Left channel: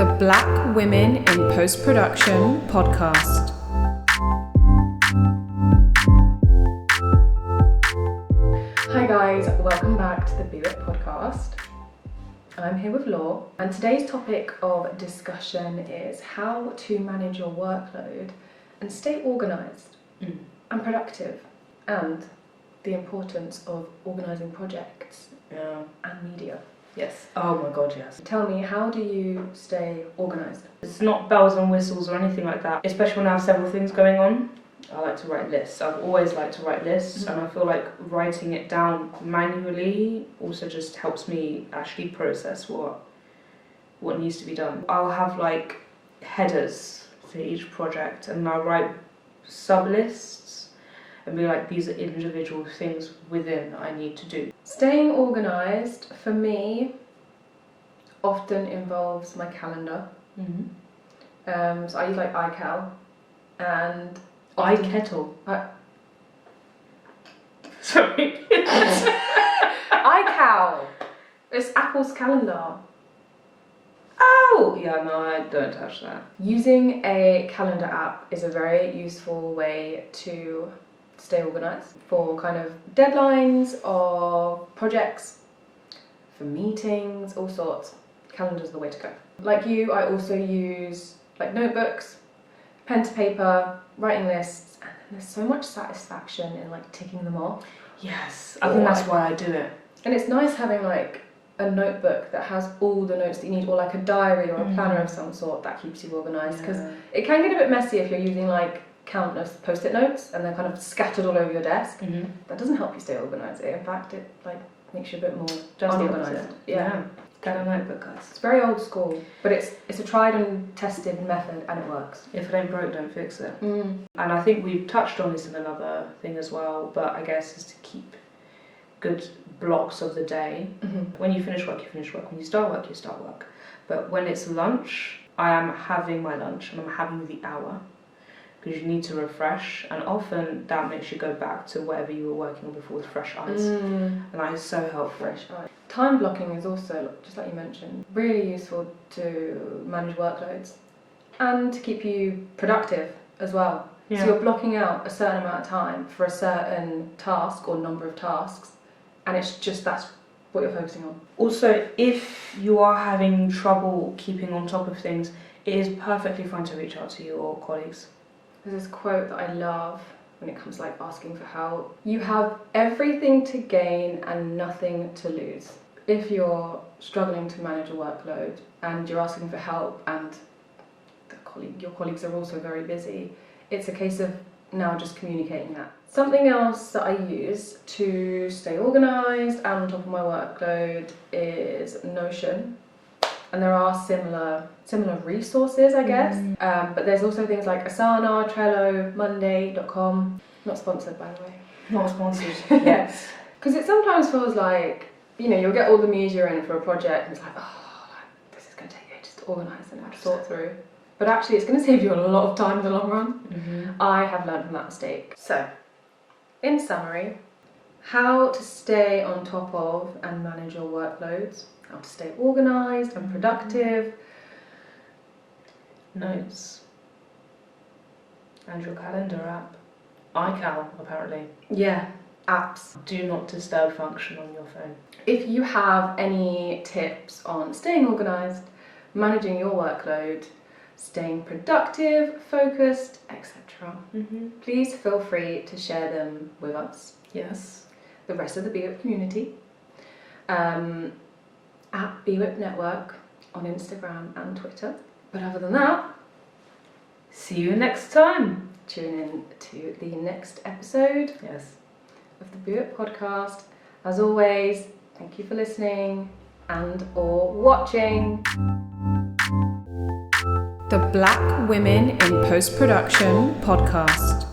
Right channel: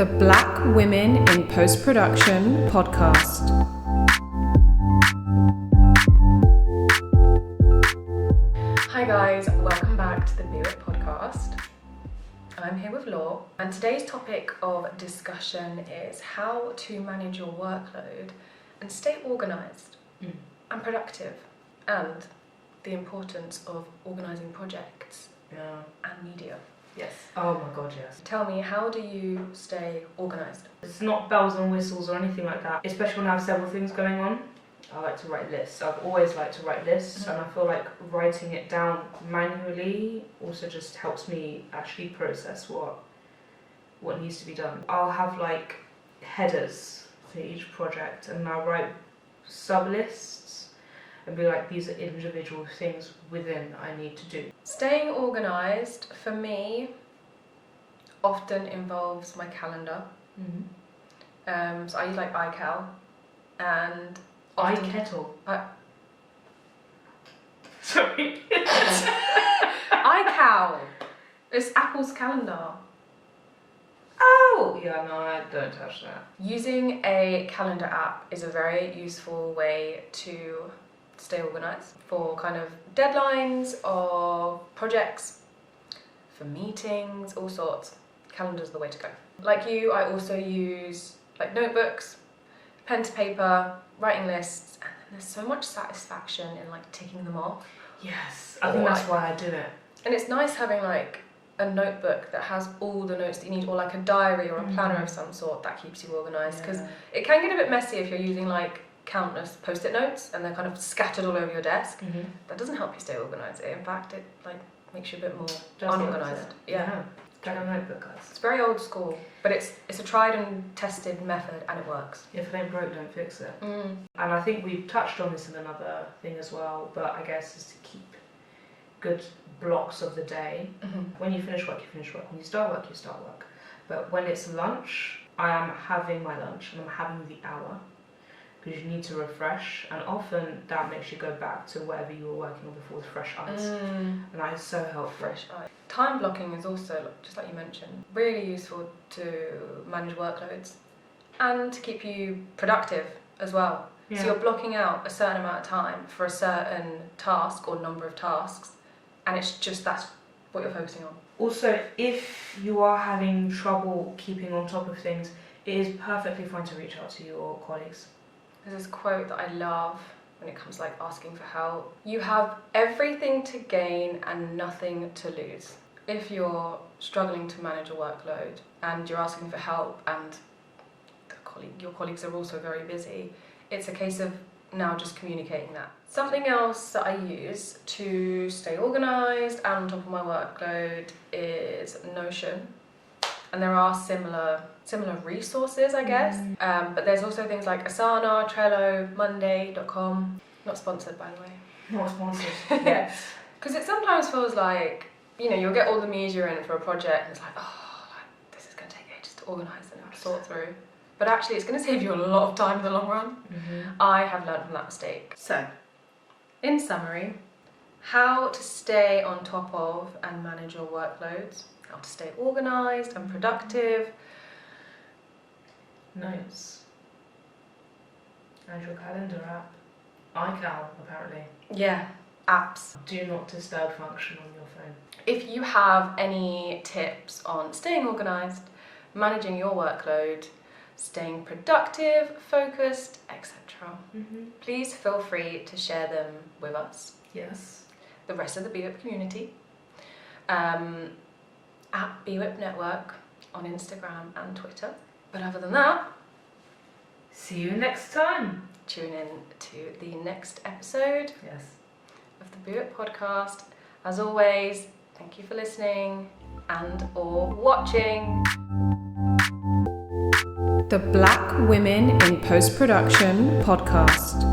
The Black Women in Post-Production podcast. Hi guys, welcome back to the BWIPP podcast. I'm here with Law, and today's topic of discussion is how to manage your workload and stay organised and productive, and the importance of organising projects and media. Yes. Oh my god, yes. Tell me, how do you stay organised? It's not bells and whistles or anything like that, especially when I have several things going on. I like to write lists. I've always liked to write lists, and I feel like writing it down manually also just helps me actually process what needs to be done. I'll have like headers for each project, and I'll write sub-lists and be like, these are individual things within I need to do. Staying organised for me often involves my calendar. So I use like iCal and iKettle. Sorry. iCal. It's Apple's calendar. Oh! Yeah, no, I don't touch that. Using a calendar app is a very useful way to stay organised for kind of deadlines or projects, for meetings, all sorts. Calendar's the way to go. Like you, I also use like notebooks, pen to paper, writing lists, and then there's so much satisfaction in like ticking them off. Yes, I think that's why I do it. And it's nice having like a notebook that has all the notes that you need, or like a diary or a planner of some sort that keeps you organised, because it can get a bit messy if you're using like countless post-it notes and they're kind of scattered all over your desk. That doesn't help you stay organised. In fact, it like makes you a bit more unorganised. Yeah. Get a notebook, guys. It's very old school, but it's a tried and tested method, and it works. If it ain't broke, don't fix it. And I think we've touched on this in another thing as well, but I guess is to keep good blocks of the day. When you finish work, you finish work. When you start work, you start work. But when it's lunch, I am having my lunch and I'm having the hour, because you need to refresh, and often that makes you go back to whatever you were working on before with fresh eyes. And that is so helpful. Fresh eyes. Time blocking is also, just like you mentioned, really useful to manage workloads and to keep you productive as well. So you're blocking out a certain amount of time for a certain task or number of tasks, and it's just that's what you're focusing on. Also, If you are having trouble keeping on top of things, it is perfectly fine to reach out to your colleagues. there's this quote that I love when it comes to like asking for help. You have everything to gain and nothing to lose. If you're struggling to manage a workload and you're asking for help, and your colleagues are also very busy, it's a case of now just communicating that. Something else that I use to stay organised and on top of my workload is Notion. And there are similar resources, I guess. But there's also things like Asana, Trello, Monday.com. Not sponsored, by the way. Not sponsored yet. Because it sometimes feels like, you'll get all the media in for a project and it's like, this is going to take ages to organise and sort through. But actually it's going to save you a lot of time in the long run. I have learned from that mistake. So, in summary, how to stay on top of and manage your workloads, how to stay organised and productive. Notes. And your calendar app. iCal, apparently. Yeah, apps. Do not disturb function on your phone. If you have any tips on staying organised, managing your workload, staying productive, focused, etc., please feel free to share them with us. Yes. The rest of the BWIPP community. At BWIPP Network on Instagram and Twitter. But other than that, see you next time. Tune in to the next episode of the BWIPP podcast. As always, thank you for listening and or watching. The Black Women in Post-Production podcast.